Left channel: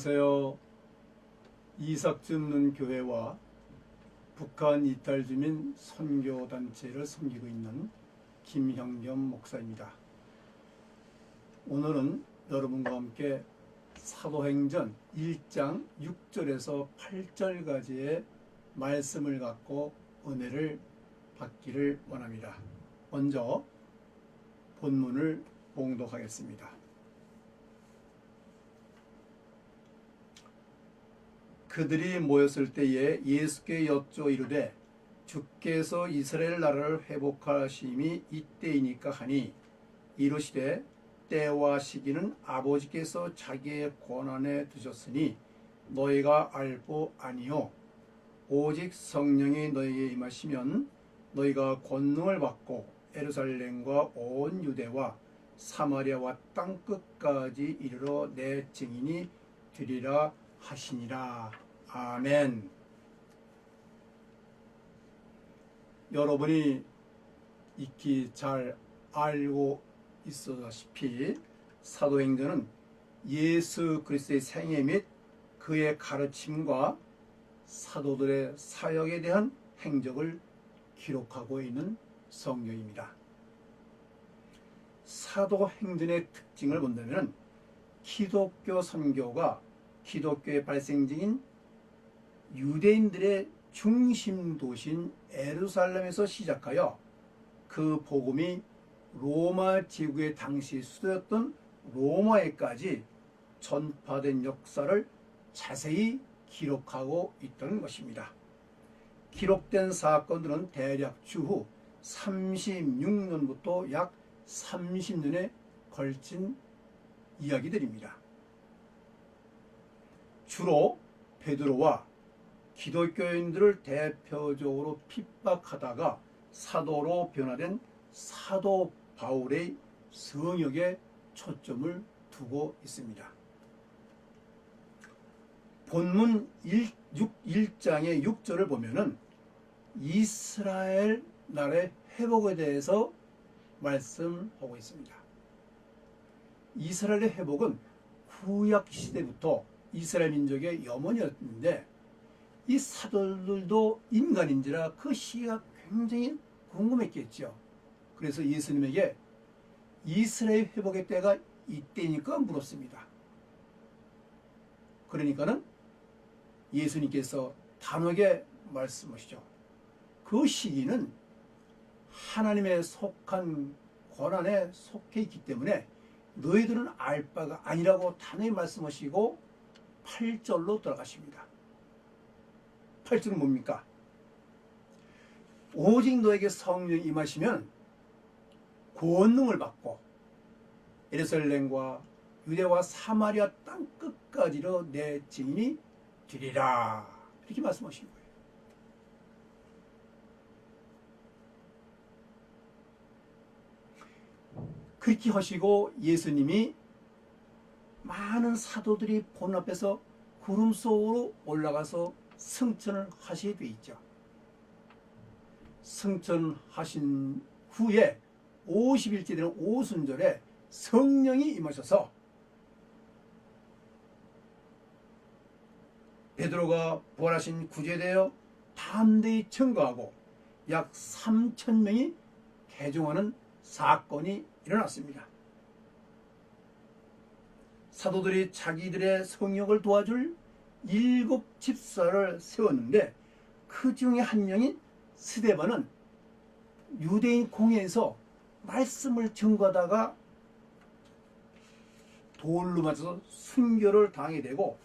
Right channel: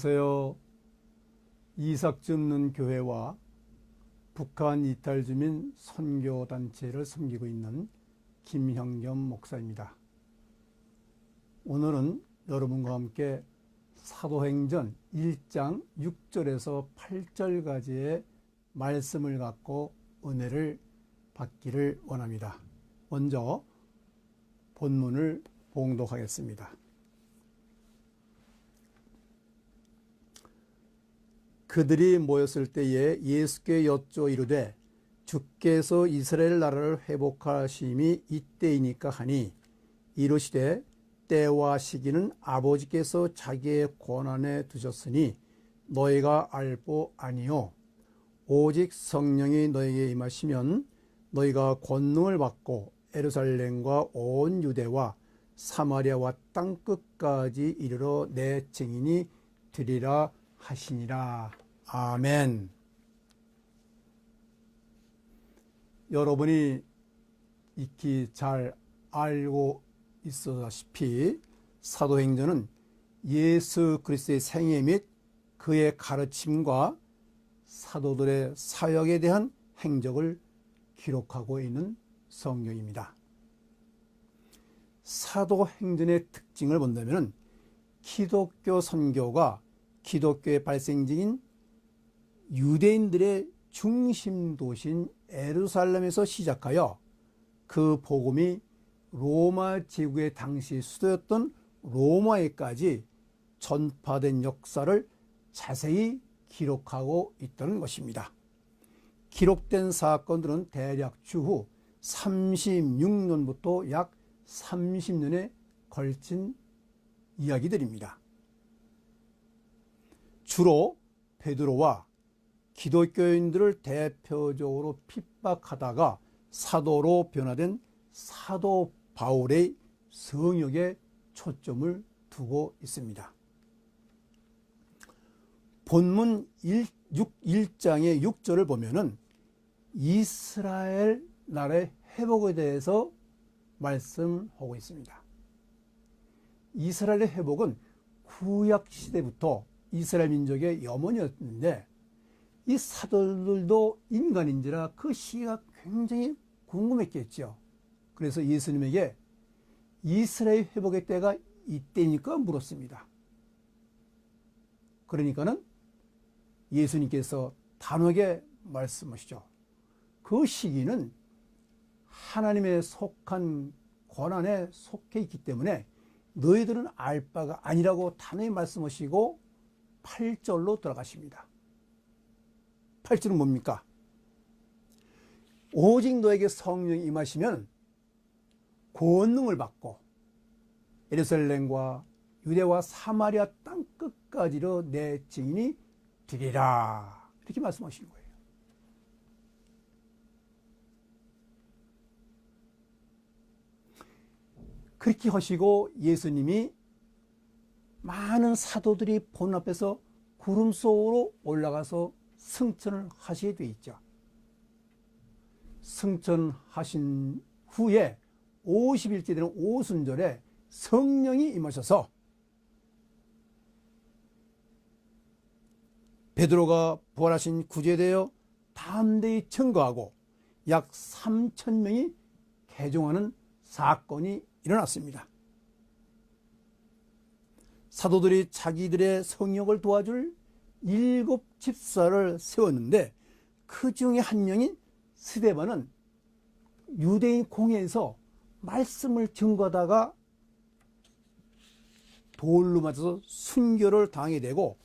안녕하세요. 이삭줍는 교회와 북한 이탈 주민 선교단체를 섬기고 있는 김형겸 목사입니다. 오늘은 여러분과 함께 사도행전 1장 6절에서 8절까지의 말씀을 갖고 은혜를 받기를 원합니다. 먼저 본문을 봉독하겠습니다. 그들이 모였을 때에 예수께 여쭈어 이르되 주께서 이스라엘 나라를 회복하심이 이때이니까 하니 이르시되 때와 시기는 아버지께서 자기의 권한에 두셨으니 너희가 알고 아니요 오직 성령이 너희에게 임하시면 너희가 권능을 받고 예루살렘과 온 유대와 사마리아와 땅끝까지 이르러 내 증인이 되리라 하시니라. 아멘. 여러분이 익히 잘 알고 있다시피 사도행전은 예수 그리스도의 생애 및 그의 가르침과 사도들의 사역에 대한 행적을 기록하고 있는 성경입니다. 사도행전의 특징을 본다면 기독교 선교가 기독교의 발생지인 유대인들의 중심 도시인 예루살렘에서 시작하여 그 복음이 로마 제국의 당시 수도였던 로마에까지 전파된 역사를 자세히 기록하고 있던 것입니다. 기록된 사건들은 대략 추후 36년부터 약 30년에 걸친 이야기들입니다. 주로 베드로와 기독교인들을 대표적으로 핍박하다가 사도로 변화된 사도 바울의 성역에 초점을 두고 있습니다. 본문 1장의 6절을 보면은 이스라엘 나라의 회복에 대해서 말씀하고 있습니다. 이스라엘의 회복은 구약 시대부터 이스라엘 민족의 염원이었는데 이 사도들도 인간인지라 그 시기가 굉장히 궁금했겠죠. 그래서 예수님에게 이스라엘 회복의 때가 이때니까 물었습니다. 그러니까는 예수님께서 단호하게 말씀하시죠. 그 시기는 하나님의 속한 권한에 속해 있기 때문에 너희들은 알 바가 아니라고 단호히 말씀하시고 8절로 들어가십니다. 8절은 뭡니까? 오직 너에게 성령이 임하시면 권능을 받고 예루살렘과 유대와 사마리아 땅끝까지로 내 증인이 되리라. 이렇게 말씀하신 거예요. 그렇게 하시고 예수님이 많은 사도들이 보는 앞에서 구름 속으로 올라가서 승천을 하시게 돼 있죠. 승천하신 후에 50일째 되는 오순절에 성령이 임하셔서 베드로가 부활하신 구주에 대하여 담대히 증거하고 약 3,000명이 개종하는 사건이 일어났습니다. 사도들이 자기들의 성역을 도와줄 7 집사를 세웠는데 그 중에 한 명인 스데반은 유대인 공회에서 말씀을 증거하다가 돌로 맞아서 순교를 당하게 되고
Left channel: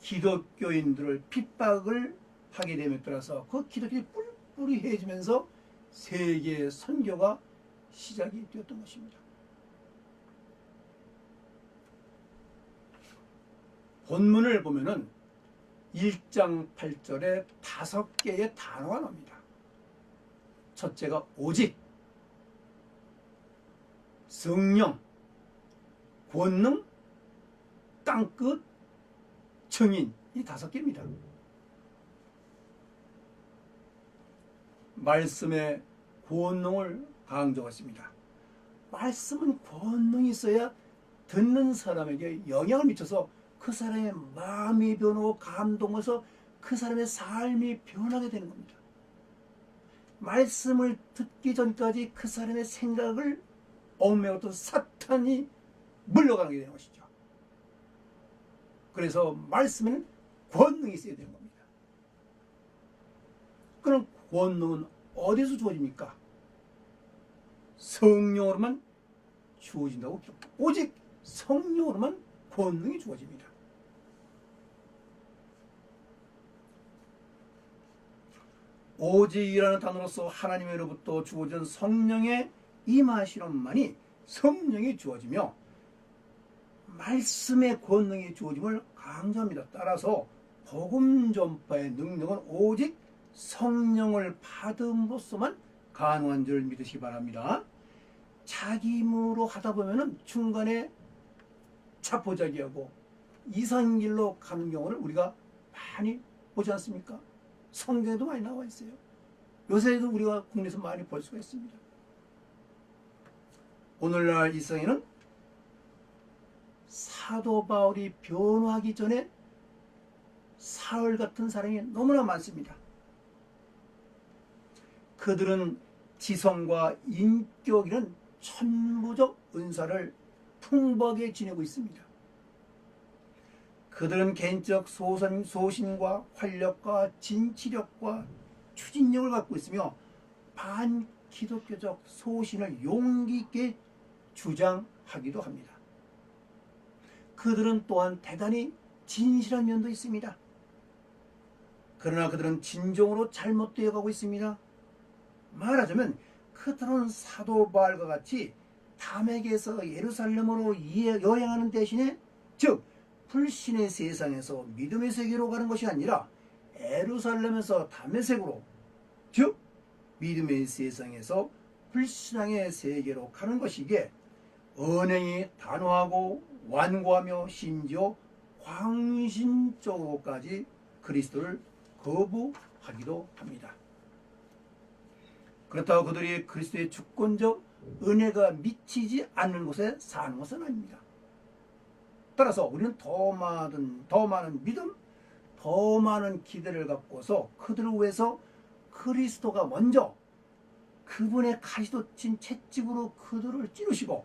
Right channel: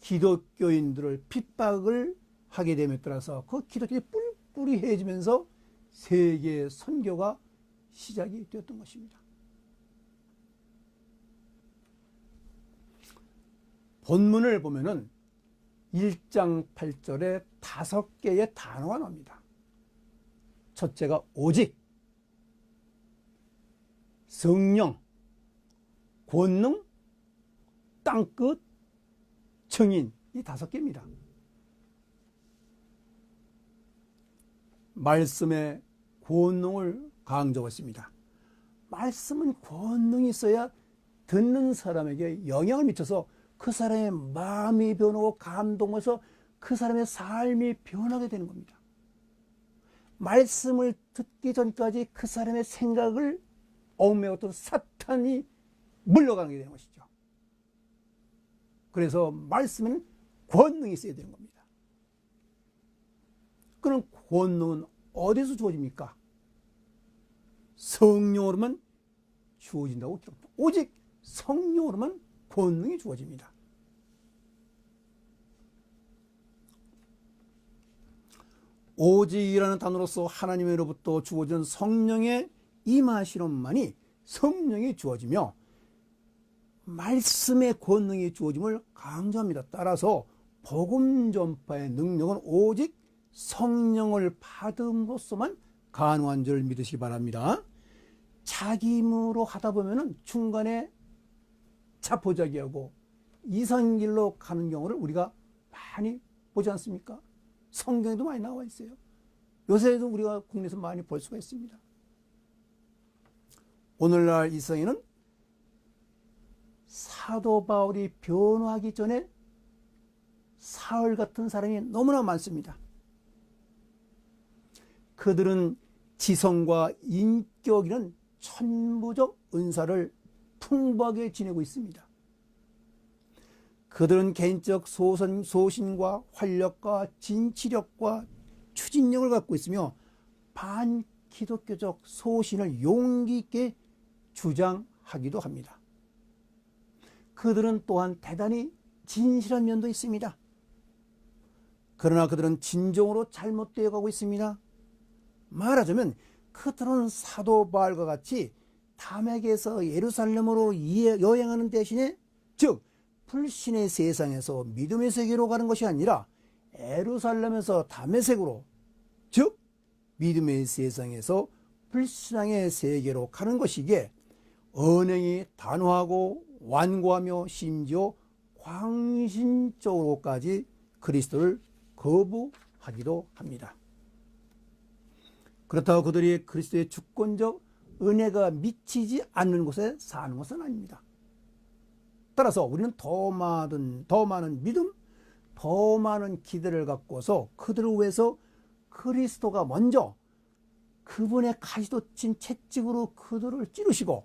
기독교인들을 핍박을 하게 됨에 따라서 그 기독교가 뿔뿔이 해지면서 세계 선교가 시작이 되었던 것입니다. 본문을 보면은 1장 8절에 5개의 단어가 나옵니다. 첫째가 오직, 성령, 권능, 땅끝, 증인, 이 5개입니다. 말씀의 권능을 강조했습니다. 말씀은 권능이 있어야 듣는 사람에게 영향을 미쳐서 그 사람의 마음이 변하고 감동해서 그 사람의 삶이 변하게 되는 겁니다. 말씀을 듣기 전까지 그 사람의 생각을 얽매었던 사탄이 물러가게 되는 것이죠. 그래서 말씀에는 권능이 있어야 되는 겁니다. 그럼 권능은 어디서 주어집니까? 성령으로만 주어진다고 했죠. 오직 성령으로만 권능이 주어집니다. 오직이라는 단어로서 하나님으로부터 주어진 성령의 임하심만이 성령이 주어지며 말씀의 권능이 주어짐을 강조합니다. 따라서 복음 전파의 능력은 오직 성령을 받음으로써만 가능한 줄 믿으시기 바랍니다. 자기 힘으로 하다 보면은 중간에 자포자기하고 이상한 길로 가는 경우를 우리가 많이 보지 않습니까? 성경에도 많이 나와 있어요. 요새도 우리가 국내에서 많이 볼 수가 있습니다. 오늘날 이 세상에는 사도 바울이 변화하기 전에 사울 같은 사람이 너무나 많습니다. 그들은 지성과 인격이라는 천부적 은사를 풍부하게 지니고 있습니다. 그들은 개인적 소신과 활력과 진취력과 추진력을 갖고 있으며 반기독교적 소신을 용기 있게 주장하기도 합니다. 그들은 또한 대단히 진실한 면도 있습니다. 그러나 그들은 진정으로 잘못되어 가고 있습니다. 말하자면 그들은 사도 바울과 같이 담에게서 예루살렘으로 여행하는 대신에 즉 불신의 세상에서 믿음의 세계로 가는 것이 아니라 예루살렘에서 다메섹으로 즉 믿음의 세상에서 불신앙의 세계로 가는 것이기에 언행이 단호하고 완고하며 심지어 광신적으로까지 그리스도를 거부하기도 합니다. 그렇다고 그들이 그리스도의 주권적 은혜가 미치지 않는 곳에 사는 것은 아닙니다. 따라서 우리는 더 많은 믿음, 더 많은 기대를 갖고서 그들을 위해서 그리스도가 먼저 그분의 가시돋친 채찍으로 그들을 찌르시고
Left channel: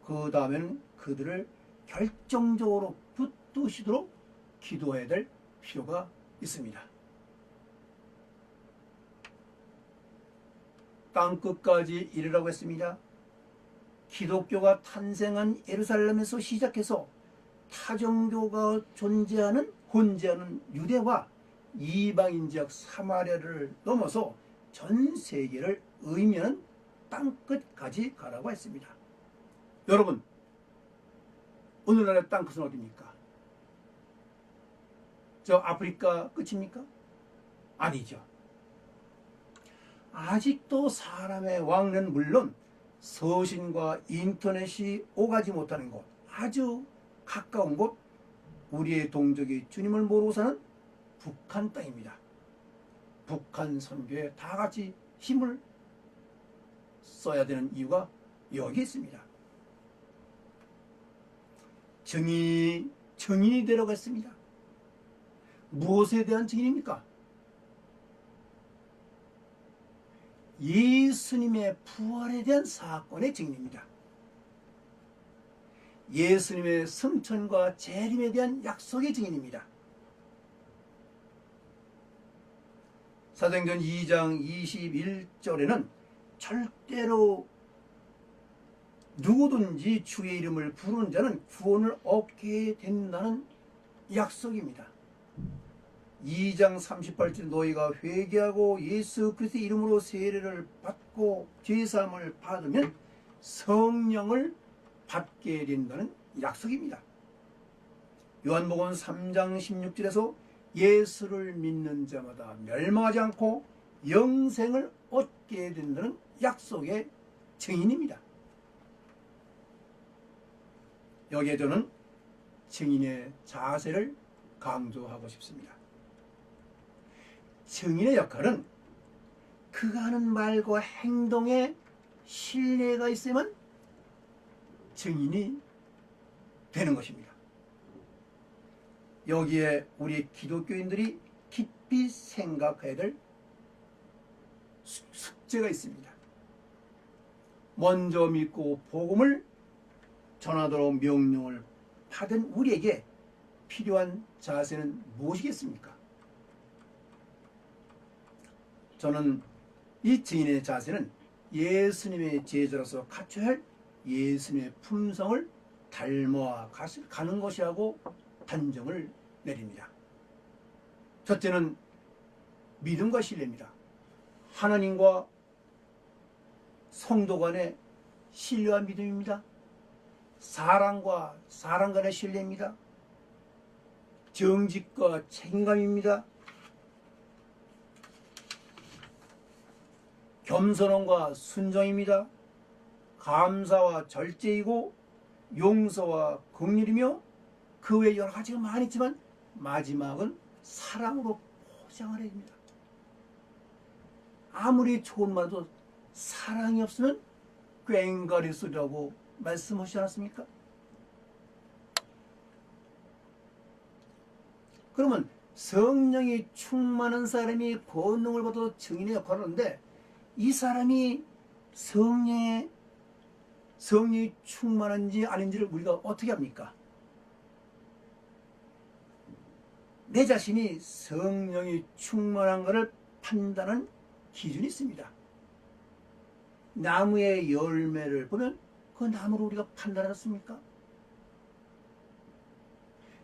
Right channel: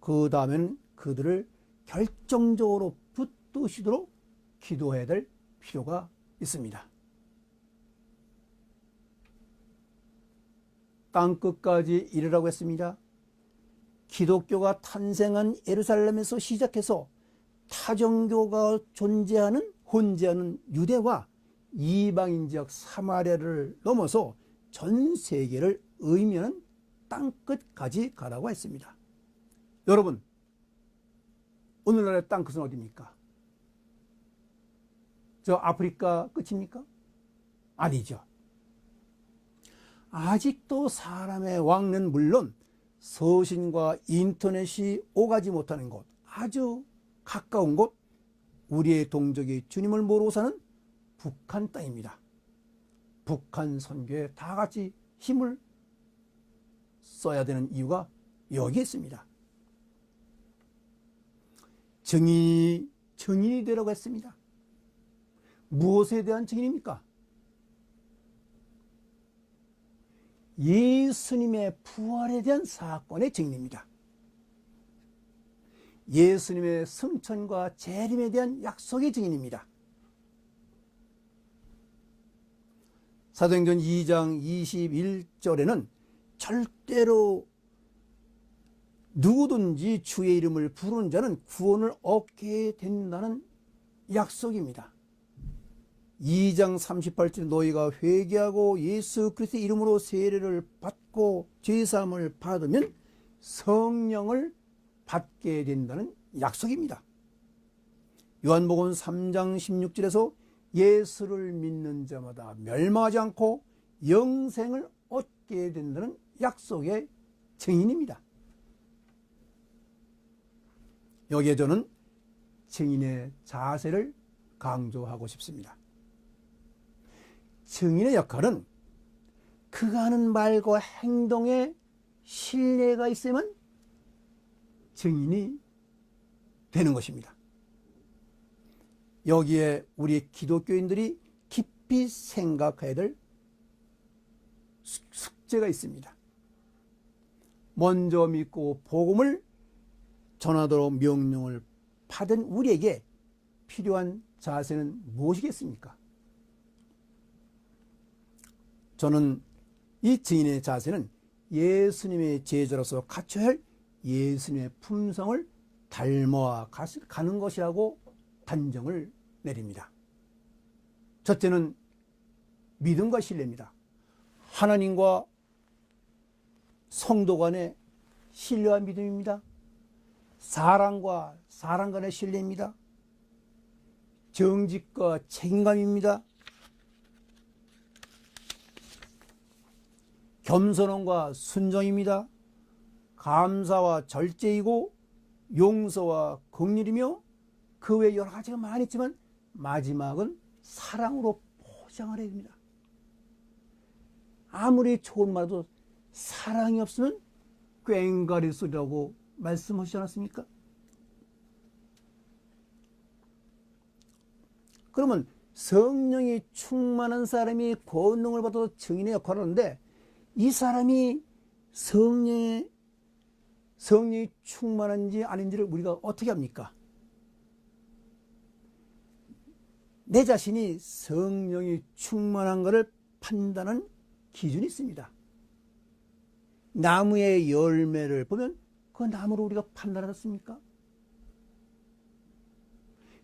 그 다음에는 그들을 결정적으로 붙드시도록 기도해야 될 필요가 있습니다. 땅끝까지 이르라고 했습니다. 기독교가 탄생한 예루살렘에서 시작해서 타종교가 혼재하는 유대와 이방인 지역 사마리아를 넘어서 전 세계를 의미하는 땅끝까지 가라고 했습니다. 여러분, 오늘날의 땅끝은 어디입니까? 저 아프리카 끝입니까? 아니죠. 아직도 사람의 왕래는 물론 서신과 인터넷이 오가지 못하는 곳, 아주 가까운 곳, 우리의 동족이 주님을 모르고 사는 북한 땅입니다. 북한 선교에 다 같이 힘을 써야 되는 이유가 여기 있습니다. 증인이 되라고 했습니다. 무엇에 대한 증인입니까? 예수님의 부활에 대한 사건의 증인입니다. 예수님의 승천과 재림에 대한 약속의 증인입니다. 사도행전 2장 21절에는 절대로 누구든지 주의 이름을 부르는 자는 구원을 얻게 된다는 약속입니다. 2장 38절 너희가 회개하고 예수 그리스도의 이름으로 세례를 받고 죄사함을 받으면 성령을 받게 된다는 약속입니다. 요한복음 3장 16절에서 예수를 믿는 자마다 멸망하지 않고 영생을 얻게 된다는 약속의 증인입니다. 여기에 저는 증인의 자세를 강조하고 싶습니다. 증인의 역할은 그가 하는 말과 행동에 신뢰가 있으면 증인이 되는 것입니다. 여기에 우리 기독교인들이 깊이 생각해야 될 숙제가 있습니다. 먼저 믿고 복음을 전하도록 명령을 받은 우리에게 필요한 자세는 무엇이겠습니까? 저는 이 증인의 자세는 예수님의 제자로서 갖춰야 할 예수님의 품성을 닮아 가는 것이라고 단정을 내립니다. 첫째는 믿음과 신뢰입니다. 하나님과 성도 간의 신뢰와 믿음입니다. 사랑과 사람 간의 신뢰입니다. 정직과 책임감입니다. 겸손함과 순종입니다. 감사와 절제이고 용서와 긍휼이며 그 외에 여러 가지가 많이 있지만 마지막은 사랑으로 포장하려 합니다. 아무리 좋은 말도 사랑이 없으면 꽹과리 소리라고 말씀하시지 않았습니까? 그러면 성령이 충만한 사람이 권능을 받아도 증인의 역할을 하는데 이 사람이 성령이 충만한지 아닌지를 우리가 어떻게 합니까? 내 자신이 성령이 충만한 것을 판단하는 기준이 있습니다. 나무의 열매를 보면 그 나무로 우리가 판단하겠습니까?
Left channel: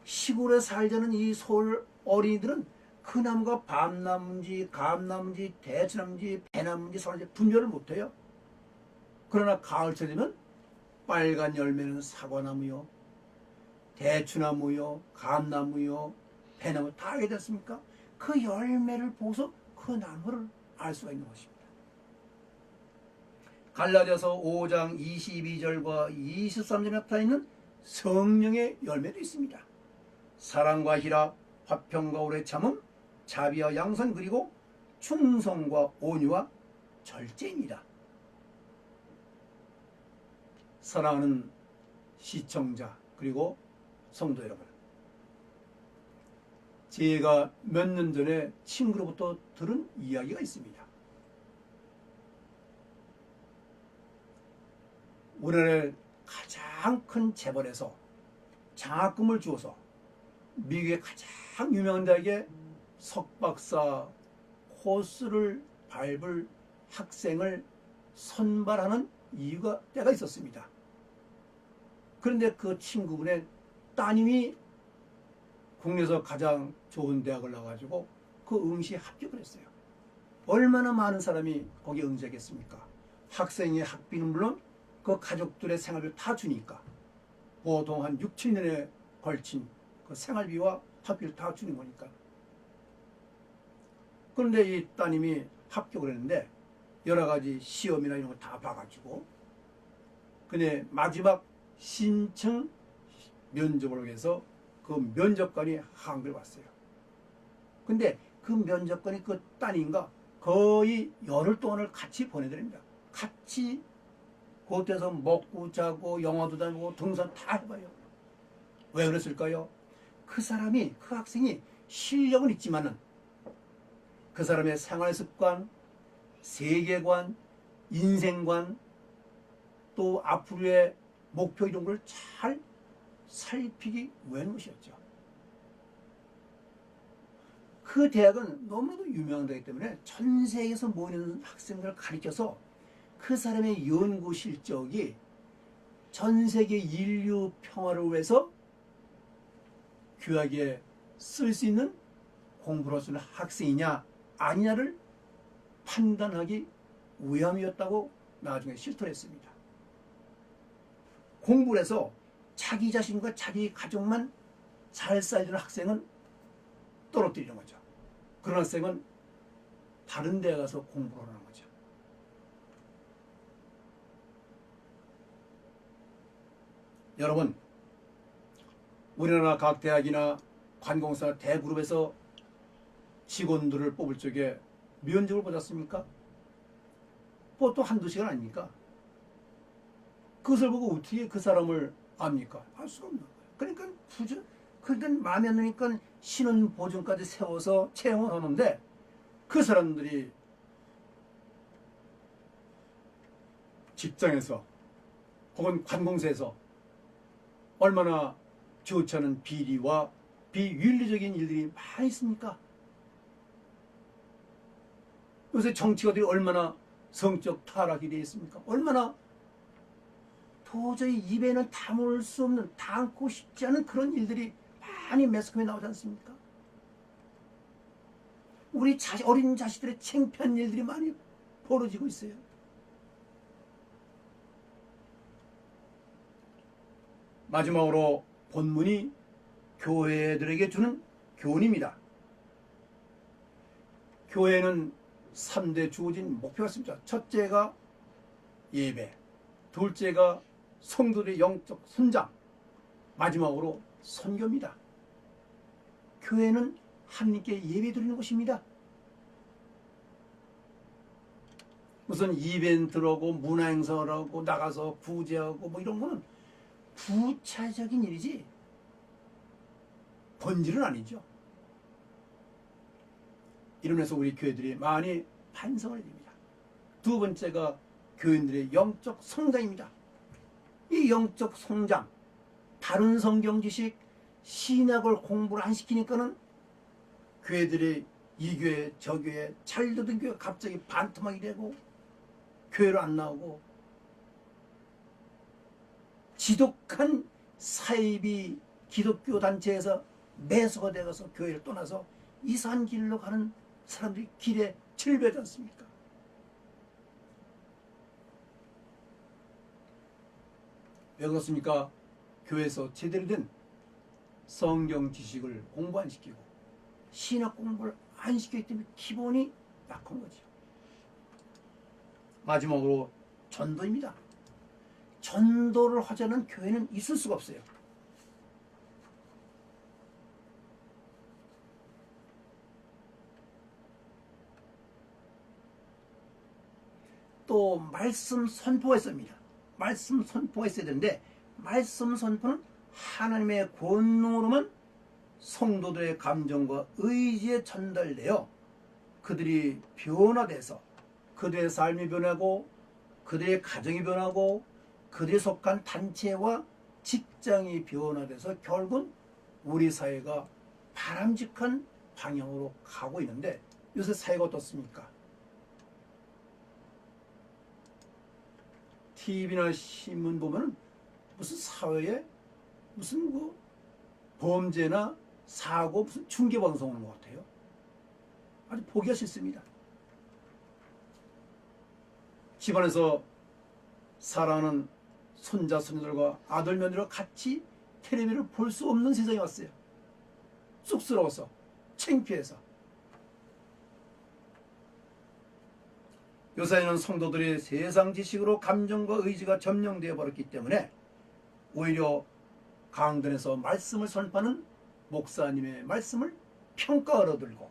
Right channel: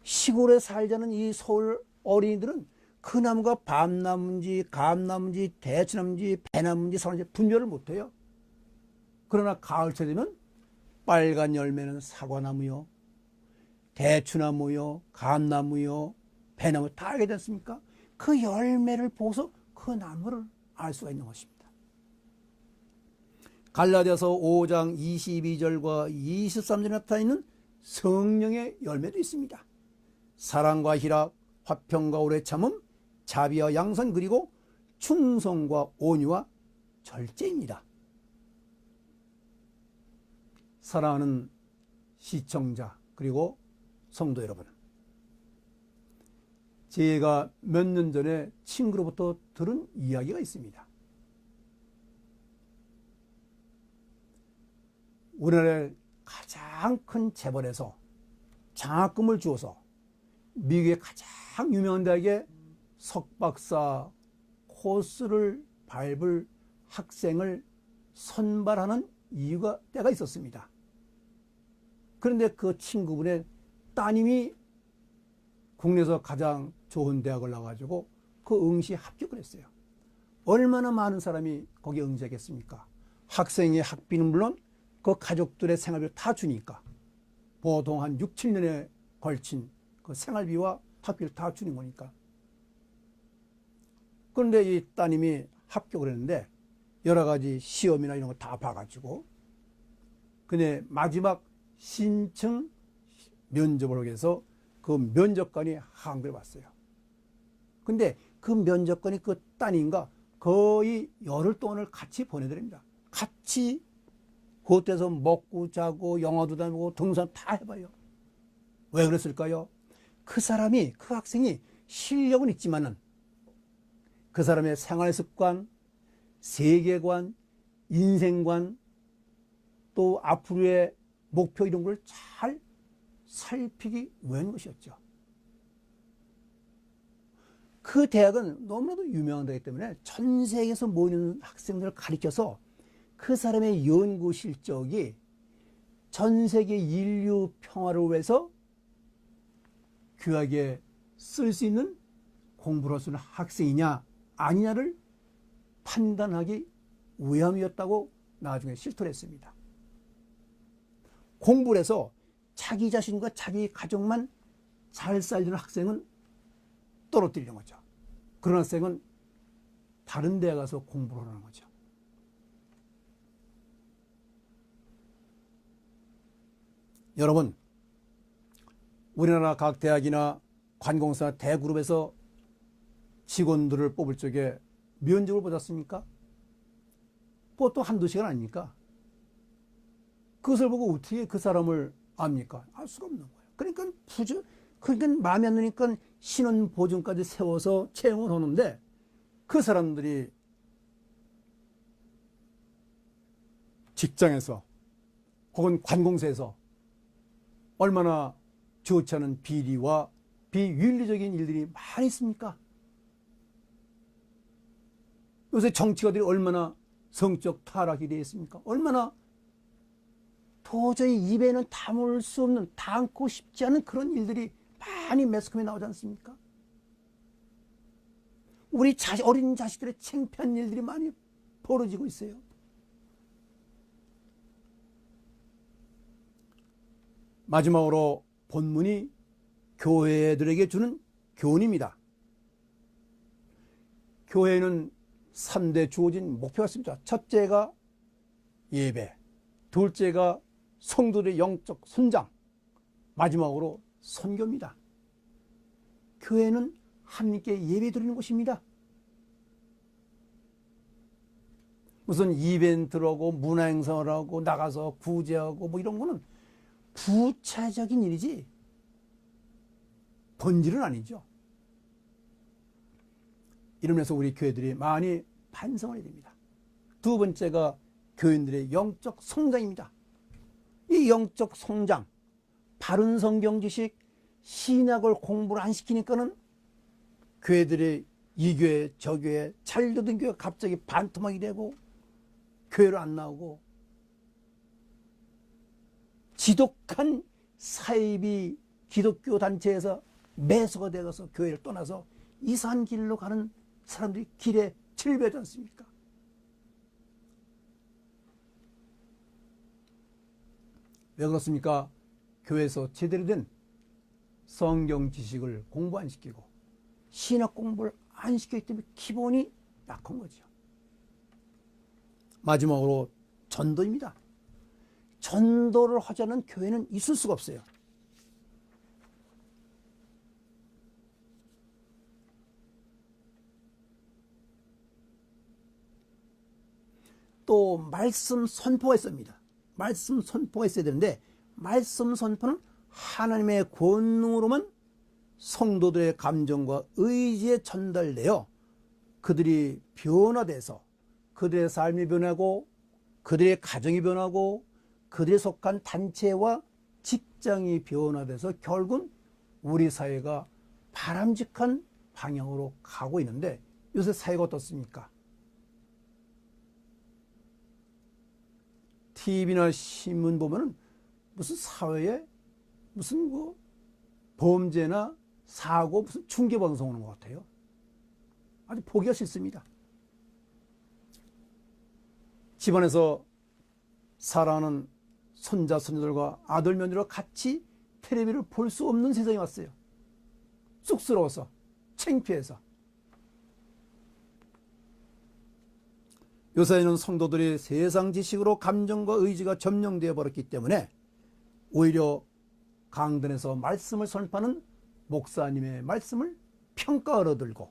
시골에 살자는 이 서울 어린이들은 그 나무가 밤나무인지 감나무인지 대추나무인지 배나무인지 사나무인지 분별을 못해요. 그러나 가을철 되면 빨간 열매는 사과나무요, 대추나무요, 감나무요, 배나무 다 알게 됐습니까? 그 열매를 보고서 그 나무를 알 수가 있는 것입니다. 갈라디아서 5장 22절과 23절에 나타나 있는 성령의 열매도 있습니다. 사랑과 희락, 화평과 오래 참음, 자비와 양선, 그리고 충성과 온유와 절제입니다. 사랑하는 시청자 그리고 성도 여러분, 제가 몇 년 전에 친구로부터 들은 이야기가 있습니다. 우리나라의 가장 큰 재벌에서 장학금을 주어서 미국의 가장 유명한 대학에 석박사 코스를 밟을 학생을 선발하는 때가 있었습니다. 그런데 그 친구분의 따님이 국내에서 가장 좋은 대학을 나와가지고 그 응시에 합격을 했어요. 얼마나 많은 사람이 거기에 응시했겠습니까? 학생의 학비는 물론 그 가족들의 생활비를 다 주니까 보통 한 6, 7년에 걸친 그 생활비와 학비를 다 주는 거니까. 그런데 이 따님이 합격을 했는데 여러 가지 시험이나 이런 거 다 봐가지고 근데 마지막 신청 면접을 위해서 그 면접관이 한국에 왔어요. 근데 그 면접관이 그 따님과 거의 열흘 동안을 같이 보내드립니다. 같이 호텔에서 먹고 자고 영화도 다니고 등산 다 해봐요. 왜 그랬을까요? 그 학생이 실력은 있지만은 그 사람의 생활 습관, 세계관, 인생관, 또 앞으로의 목표 이런 걸 잘 살피기 위한 것이었죠. 그 대학은 너무나도 유명한 데이기 때문에 전 세계에서 모이는 학생들을 가리켜서 그 사람의 연구 실적이 전 세계 인류 평화를 위해서 귀하게 쓸 수 있는 공부를 할 수 있는 학생이냐 아니냐를 판단하기 위함이었다고 나중에 실토를 했습니다. 공부를 해서 자기 자신과 자기 가족만 잘 살리는 학생은 떨어뜨리는 거죠. 그런 학생은 다른 데 가서 공부를 하는 거죠. 여러분, 우리나라 각 대학이나 관공서나 대그룹에서 직원들을 뽑을 적에 면접을 보셨습니까? 보통 한두 시간 아닙니까? 그것을 보고 어떻게 그 사람을 압니까? 알 수가 없는 거예요. 그러니까 그러니까 마음에 안 드니까 신원 보증까지 세워서 채용을 하는데 그 사람들이 직장에서 혹은 관공서에서 얼마나 좋지 않은 비리와 비윤리적인 일들이 많이 있습니까? 요새 정치가들이 얼마나 성적 타락이 되어 있습니까? 얼마나 도저히 입에는 담을 수 없는, 담고 싶지 않은 그런 일들이 많이 매스컴에 나오지 않습니까? 우리 어린 자식들의 창피한 일들이 많이 벌어지고 있어요. 마지막으로 본문이 교회들에게 주는 교훈입니다. 교회는 3대 주어진 목표가 있습니다. 첫째가 예배, 둘째가 성도들의 영적 성장, 마지막으로 선교입니다. 교회는 하나님께 예배 드리는 곳입니다. 무슨 이벤트를 하고 문화행사를 하고 나가서 구제하고 뭐 이런 거는 부차적인 일이지 본질은 아니죠. 이러면서 우리 교회들이 많이 반성을 해야 됩니다. 두 번째가 교인들의 영적 성장입니다. 이 영적 성장, 바른 성경 지식, 신약을 공부를 안 시키니까는 교회들이 이 교회 저 교회 잘 듣던 교회가 갑자기 반토막이 되고 교회로 안 나오고 지독한 사입이 기독교 단체에서 매수가 되어서 교회를 떠나서 이상한 길로 가는 사람들이 길에 질배하지 않습니까? 왜 그렇습니까? 교회에서 제대로 된 성경 지식을 공부 안 시키고 신학 공부를 안 시켰기 때문에 기본이 약한 거죠. 마지막으로 전도입니다. 전도를 하지 않은 교회는 있을 수가 없어요. 또 말씀 선포가 있습니다. 말씀 선포가 있어야 되는데 말씀 선포는 하나님의 권능으로만 성도들의 감정과 의지에 전달되어 그들이 변화돼서 그들의 삶이 변하고 그들의 가정이 변하고 그들이 속한 단체와 직장이 변화돼서 결국은 우리 사회가 바람직한 방향으로 가고 있는데 요새 사회가 어떻습니까? TV나 신문 보면 무슨 사회에 무슨 뭐 범죄나 사고 무슨 중계 방송 하는 것 같아요. 아주 보기가 싫습니다. 집안에서 살아가는 손자 손녀들과 아들 며느리가 같이 텔레비를 볼 수 없는 세상이 왔어요. 쑥스러워서 창피해서. 요사이는 성도들이 세상 지식으로 감정과 의지가 점령되어 버렸기 때문에 오히려 강단에서 말씀을 선포하는 목사님의 말씀을 평가하러 들고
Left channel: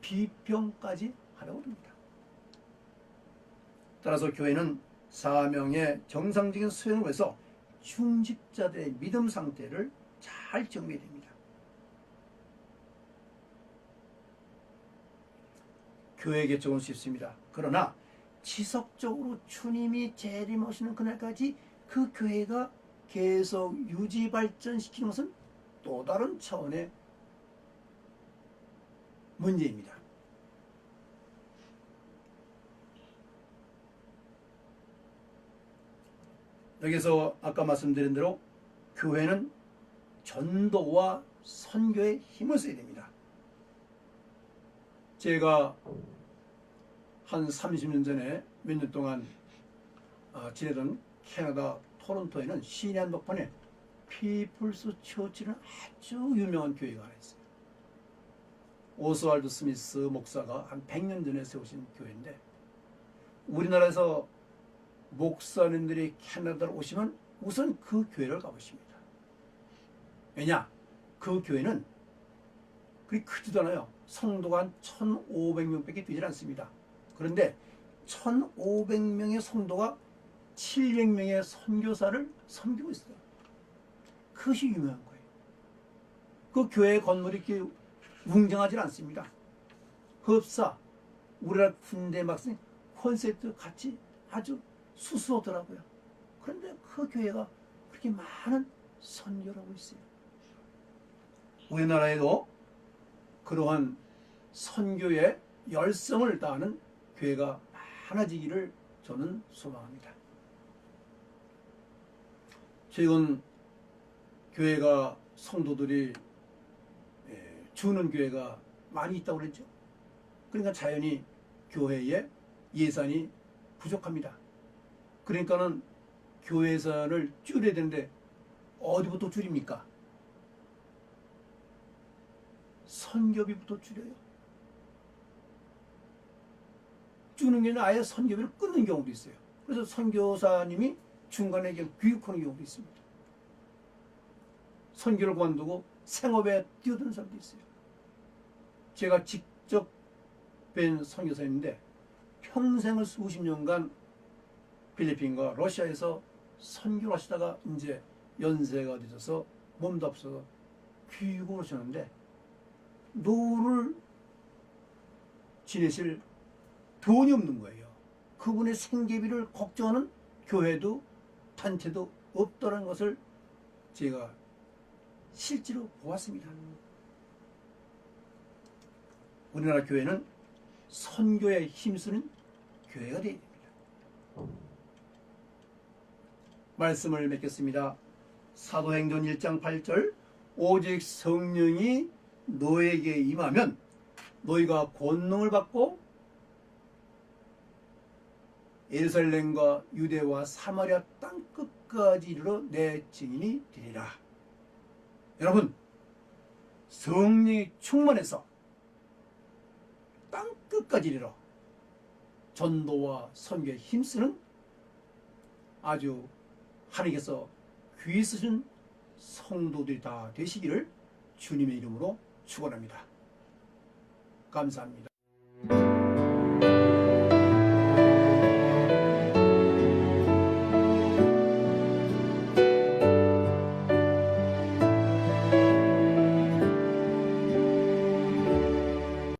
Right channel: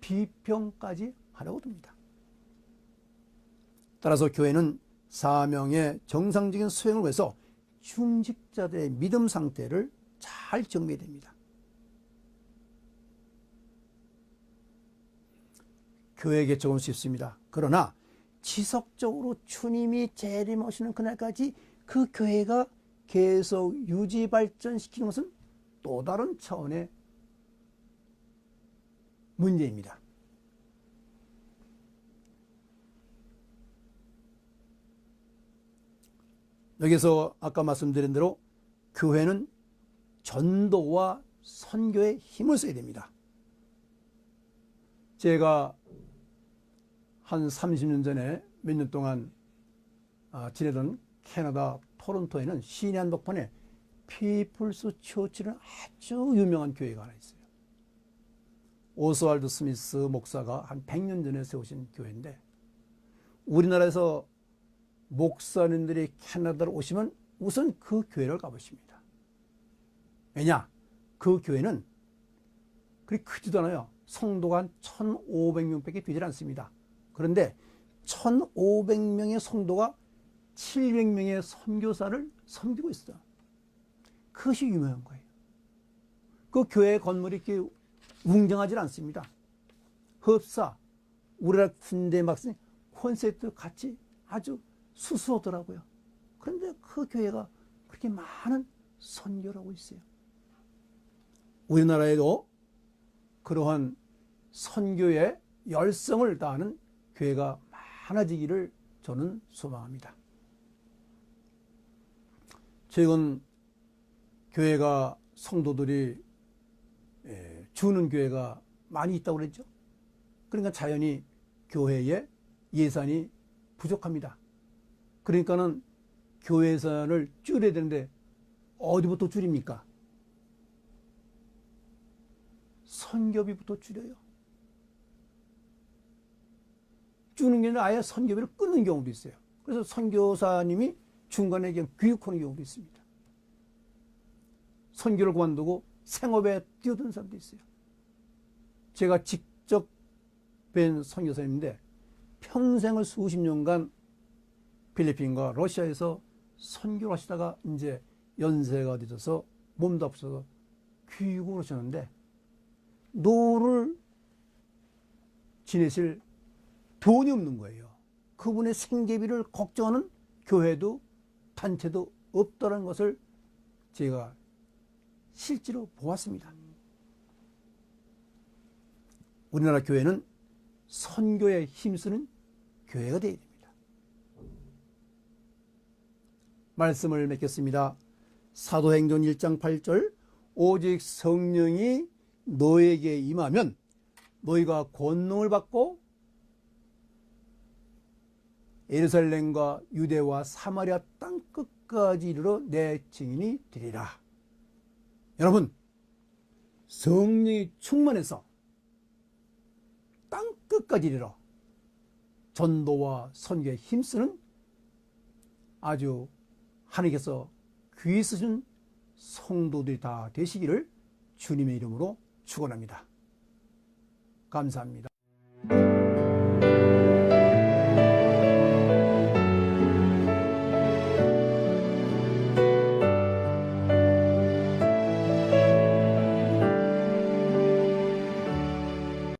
비평까지 하려고 듭니다. 따라서 교회는 사명의 정상적인 수행을 위해서 중직자들의 믿음 상태를 잘 정비해야 됩니다. 교회 개척은 쉽습니다. 그러나 지속적으로 주님이 재림하시는 그날까지 그 교회가 계속 유지 발전시키는 것은 또 다른 차원의 문제입니다. 여기서 아까 말씀드린 대로 교회는 전도와 선교에 힘을 써야 됩니다. 제가 한 30년 전에 몇 년 동안 지내던 캐나다 토론토에는 시내 한복판에 피플스 처치라는 아주 유명한 교회가 하나 있어요. 오스왈드 스미스 목사가 한 100년 전에 세우신 교회인데 우리나라에서 목사님들이 캐나다로 오시면 우선 그 교회를 가보십니다. 왜냐? 그 교회는 그리 크지도 않아요. 성도가 한 1,500명밖에 되질 않습니다. 그런데 1,500명의 성도가 700명의 선교사를 섬기고 있어요. 그것이 유명한 거예요. 그 교회 건물이 이렇게 웅장하지 않습니다. 흡사, 우리나라 군대 막상 콘서트 같이 아주 수수하더라고요. 그런데 그 교회가 그렇게 많은 선교를 하고 있어요. 우리나라에도 그러한 선교의 열성을 다하는 교회가 많아지기를 저는 소망합니다. 최근 교회가 성도들이 주는 교회가 많이 있다고 그랬죠. 그러니까 자연히 교회에 예산이 부족합니다. 그러니까는 교회 예산을 줄여야 되는데 어디부터 줄입니까? 선교비부터 줄여요. 주는 게 아니라 아예 선교비를 끊는 경우도 있어요. 그래서 선교사님이 중간에 교육하는 경우도 있습니다. 선교를 그만두고 생업에 뛰어드는 사람도 있어요. 제가 직접 뵌 선교사님인데 평생을 수십 년간 필리핀과 러시아에서 선교를 하시다가 이제 연세가 늦어서 몸도 없어서 귀국을 하셨는데 노를 지내실 돈이 없는 거예요. 그분의 생계비를 걱정하는 교회도 단체도 없다는 것을 제가 실제로 보았습니다. 우리나라 교회는 선교에 힘쓰는 교회가 되어야 됩니다. 말씀을 맺겠습니다. 사도행전 1장 8절 오직 성령이 너에게 임하면 너희가 권능을 받고 예루살렘과 유대와 사마리아 땅끝까지 이르러 내 증인이 되리라. 여러분, 성령이 충만해서 땅끝까지 이르러 전도와 선교에 힘쓰는 아주 하나님께서 귀히 쓰신 성도들이 다 되시기를 주님의 이름으로 축원합니다. 감사합니다.